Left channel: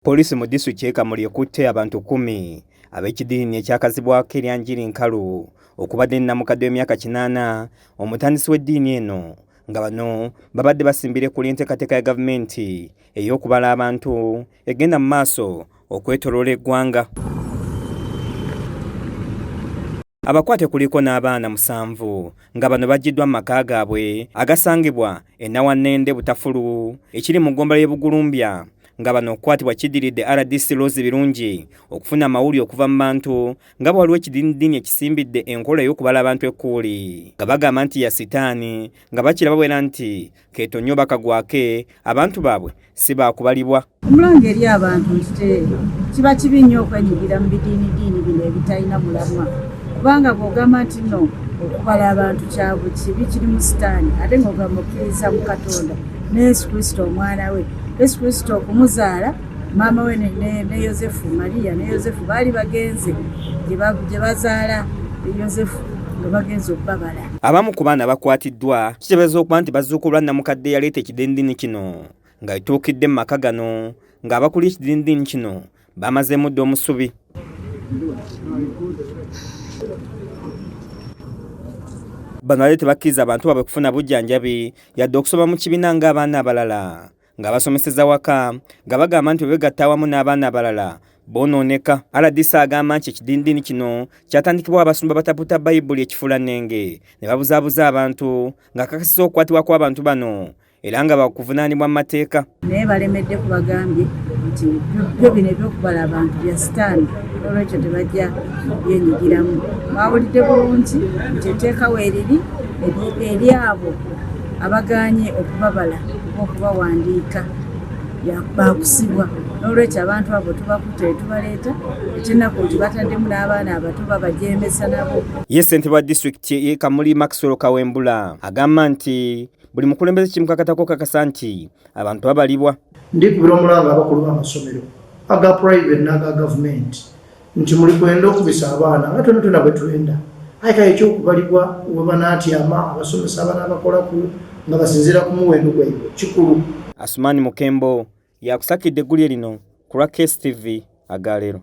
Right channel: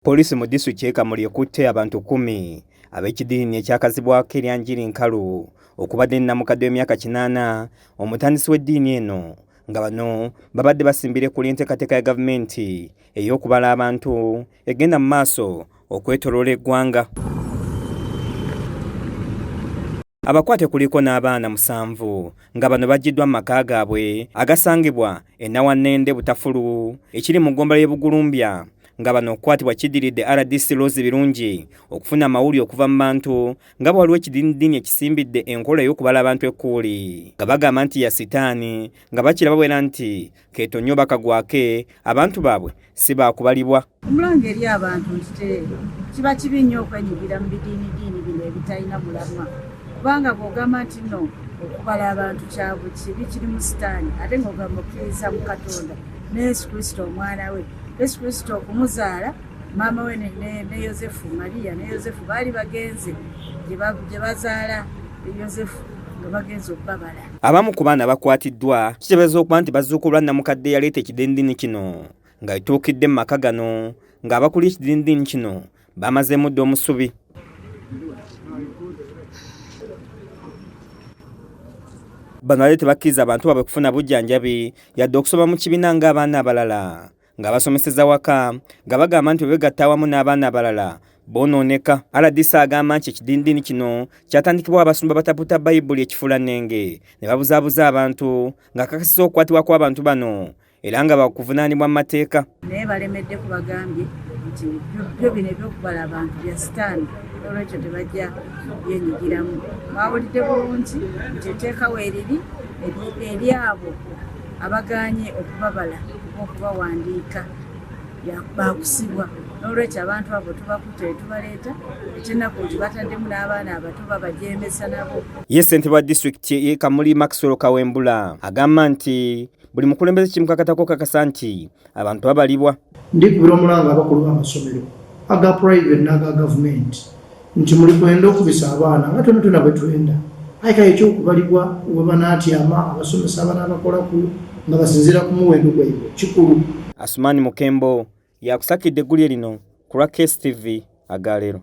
Polisi mu disitulikiti y'e Kamuli ekutte abantu 10 ab'ekidiini ekyakazibwako eryanjiri nkalu okubadde nnamukadde w'emyaka 80 omutandisi w'eddiini eno nga bano babadde basimbire ku enteekateeka ya gavumenti ey'okubala abantu egenda mu maaso okwetooloola eggwanga. Abakwate kuliko n'abaana 7 nga bano baggiddwa mu maka gaabwe agasangibwa e Nawannende Butafulu ekiri mu ggombolola y'e Bugulumbya nga bano okukwatibwa kiddiridde RDC Rose Birungi okufuna amawulire okuva mu bantu nga waliwo ekidiini ekisimbidde enkola y'okubala abantu ekkuuli nga bagamba nti ya sitaani nga bakiraba bwera nti keetonyo bakagwake abantu baabwe si baakubalibwa. Omulanga eri abantu nti kiba kibi nnyo okwenyigira mu bidiinidiini bino ebitalina mulamwa kubanga bw'ogamba nti no okubala abantu kyabwe kibi kiri mu sitaani ate ng'ogamba okkiriza mu Katonda ne Yesu Kristo omwana we. Yesu Kristo okumuzaala maama we ne Yosefu Maria ne Yosefu baali bagenze gye bazaala Yosefu nga bagenze okubabala. Abamu ku baana bakwatiddwa kiteebereza okuba nti bazuukulwa nnamukadde yaleeta ekidiinidiini kino nga ituukidde mu maka gano ng'abakulira ekidiinidiini kino bamazeemu dda omusubi. Bano bali tebakkiriza abantu baabwe kufuna bujjanjabi yadde okusoma mu kibiina ng'abaana abalala nga basomeseza waka nga bagamba nti begatta awamu n'abaana abalala boonooneka. RDC agamba nti ekidiinidiini kino kyatandikibwa abasumba bataputa Bayibuli ekifuulannenge ne babuzaabuza abantu nga kakasiza okukwatibwa kw'abantu bano era nga bakuvunaanibwa mu mateeka. Naye balemedde kubagambye nti byo bino ebyokubala abantu bya sitaani olwekyo tebajja byenyigiramu. Mwawulidde bulungi nti etteeka weeriri eri abo abagaanye okubabala okubawandiika bakusibwa n'olwekyo abantu abo tubakutte tubaleeta ekinaku nti bataddemu n'abaana abato babajemesa nabo. Ye ssentebe wa disitulikiti y'e Kamuli Maxwell Kawembula agamba nti buli mukulembeze kimukakatako kakasa nti abantu babalibwa. Ndikubira omulanga abakulu b'amasomero aga private n'aga gavumenti nti muli kwenda okubisa abaana nga tonatona bwe twenda ayika ekyokubalibwa webanatyama abasomesa abaana abakolaku nga basinziira ku muwendo gwabwe kikulu. Asumani Mukembo yakusakidde eggulire lino ku lwa KSTV agaleero.